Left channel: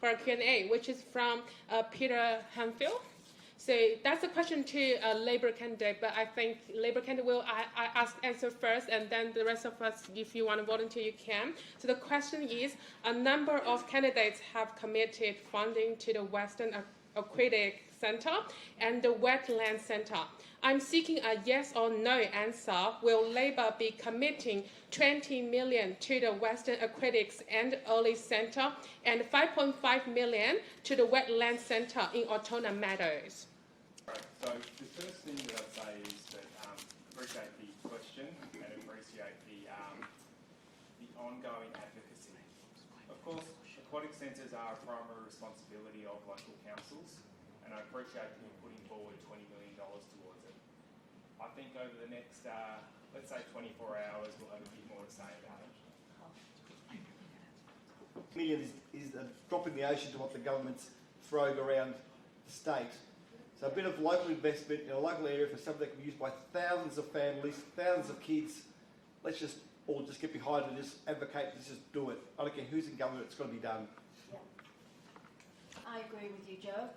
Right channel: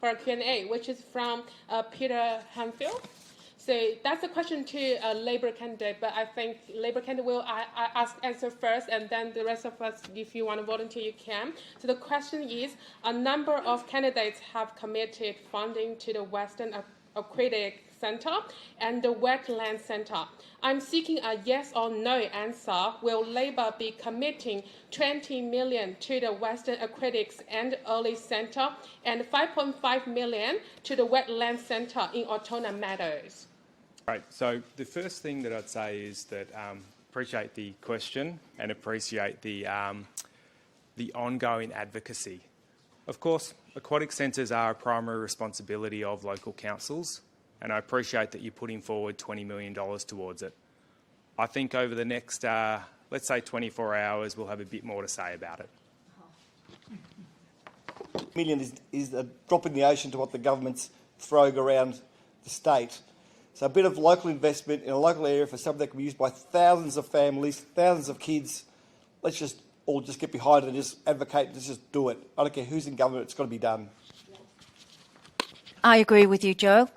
for a Q&A, which is from Peter Hanfield. So that's a question to a Labour candidate, but I think Labour candidate will answer first, and then the rest of us, if you want to volunteer, you can. So the question is, a number of candidates have committed funding to the Western Aquatic Centre and the Wetland Centre. I'm seeking a yes or no answer. Will Labour be committing 20 million to the Western Aquatics and Early Centre and 5.5 million to the Wetland Centre in Altona Meadows? Right, so the first thing that I'd say is that appreciate the question and appreciate the ongoing advocacy. Of course, aquatic centres are a primary responsibility of local councils, and I appreciate that you're putting forward $20 million towards it. I think over the next, let's say 24 hours, we'll have a bit more to say about it. $1 million is a drop in the ocean to what the government's throwing around the state. So a bit of local investment in a local area for something that can be used by thousands of families, thousands of kids. Let's just all just get behind it and just advocate, let's just do it. I don't care who's in government, it's got to be done. I agree with you, Joe.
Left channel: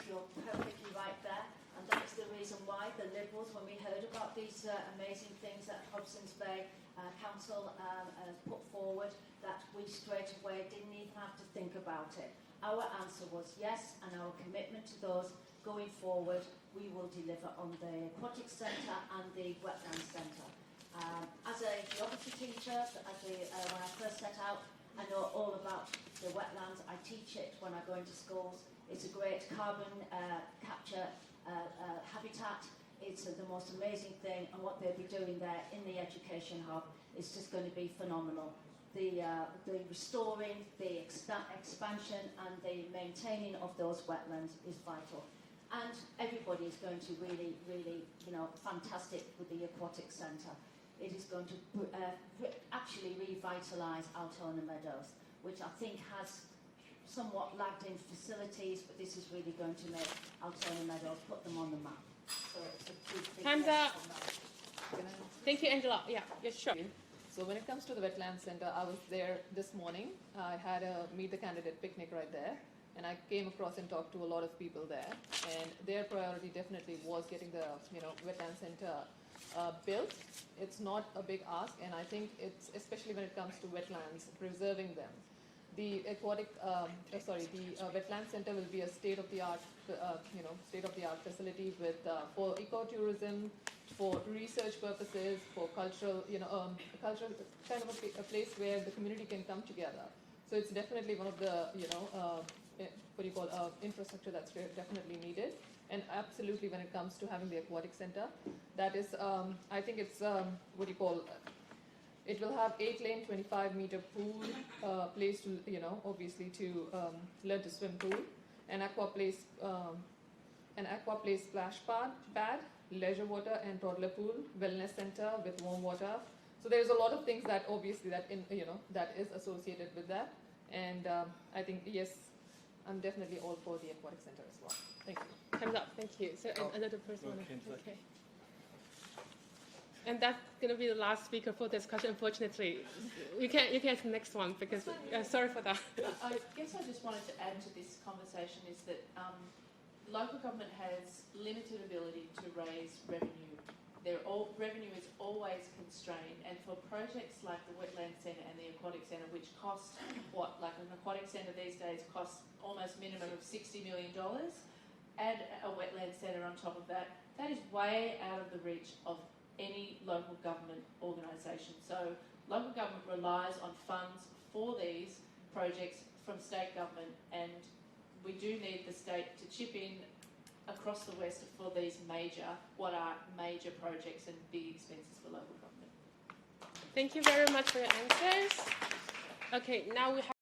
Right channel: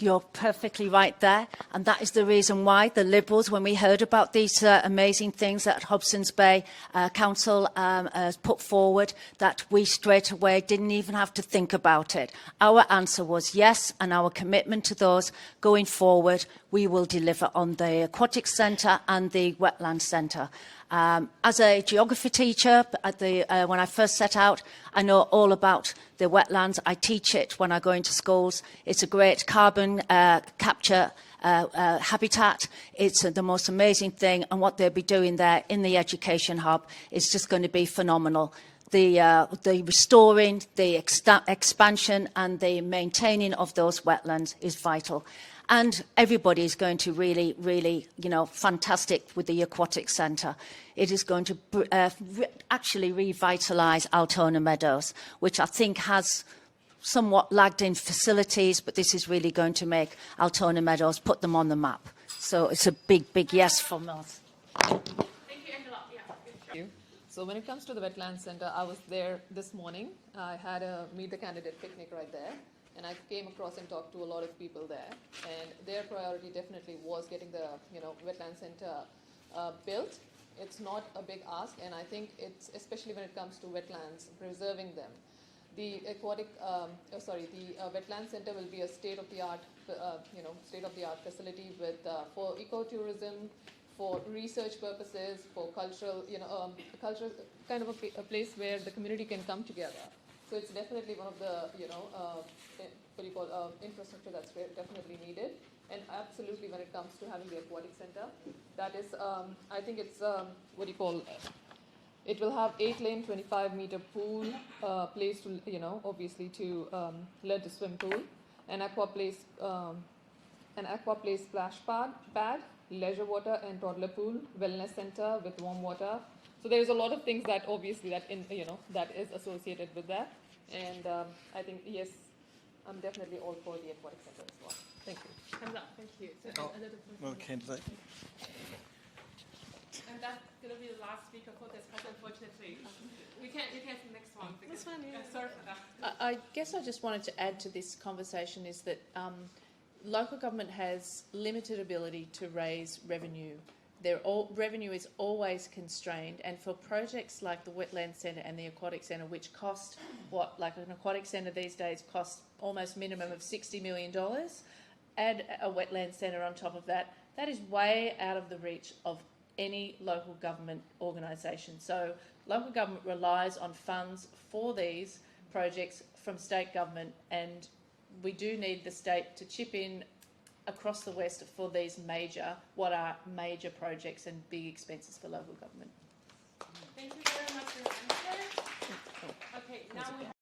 You're perfectly right there, and that is the reason why the Liberals, when we heard about these amazing things that Hobson's Bay Council has put forward, that we straight away didn't even have to think about it. Our answer was yes, and our commitment to those going forward, we will deliver on the Aquatic Centre and the Wetland Centre. As a geography teacher, when I first set out, I know all about the wetlands. I teach it when I go into schools. It's a great carbon capture habitat. It's the most amazing thing, and what they'll be doing there in the education hub is just going to be phenomenal. The restoring, the expansion and the maintaining of those wetlands is vital. And everybody is going to really, really, fantastic with the Aquatic Centre. It is going to actually revitalise Altona Meadows, which I think has somewhat lagged in facilities, but this is really going to make Altona Meadows, put them on the map. So it's a big, big yes from us. Thank you, Angela. Yeah, sure. So when it comes to the Wetland Centre, I was there this morning. I had a Meet the Candidate picnic right there. And I came across and talked to a lot of people there, and their priority definitely was getting the Wetland Centre built. It's not a big ask, and I think it's, especially when it comes to wetlands, preserving them. The Wetland Centre will be a state-of-the-art, state-of-the-art facility with for ecotourism, for research purposes, for cultural, cultural kind of a place where the community can come together. So it's definitely one of the, infrastructure that's definitely needed. And absolutely, when it comes to having the aquatic centre, that is, I think it's, it will have 8-lane, 25-meter pool, place to, obviously to learn to swim pool, an aqua place splash pad, leisure water and toddler pool, wellness centre with warm water. So there's a lot of things that obviously that is associated with that. And I think, yes, I'm definitely all for the aquatic centre as well. Thank you. Hands up. Thank you. So another person. Okay. And that's going to be the last speaker for this question, unfortunately. You can have the next one, because sorry for that. I guess I just wanted to add to this conversation is that local government has limited ability to raise revenue. Revenue is always constrained, and for projects like the Wetland Centre and the Aquatic Centre, which cost like an aquatic centre these days costs almost minimum of $60 million, add a wetland centre on top of that, that is way out of the reach of any local government organisation. So local government relies on funds for these projects from state government, and we do need the state to chip in across the West for these what are major projects and big expenses for local government. Thank you very much for your answers. Okay, now we have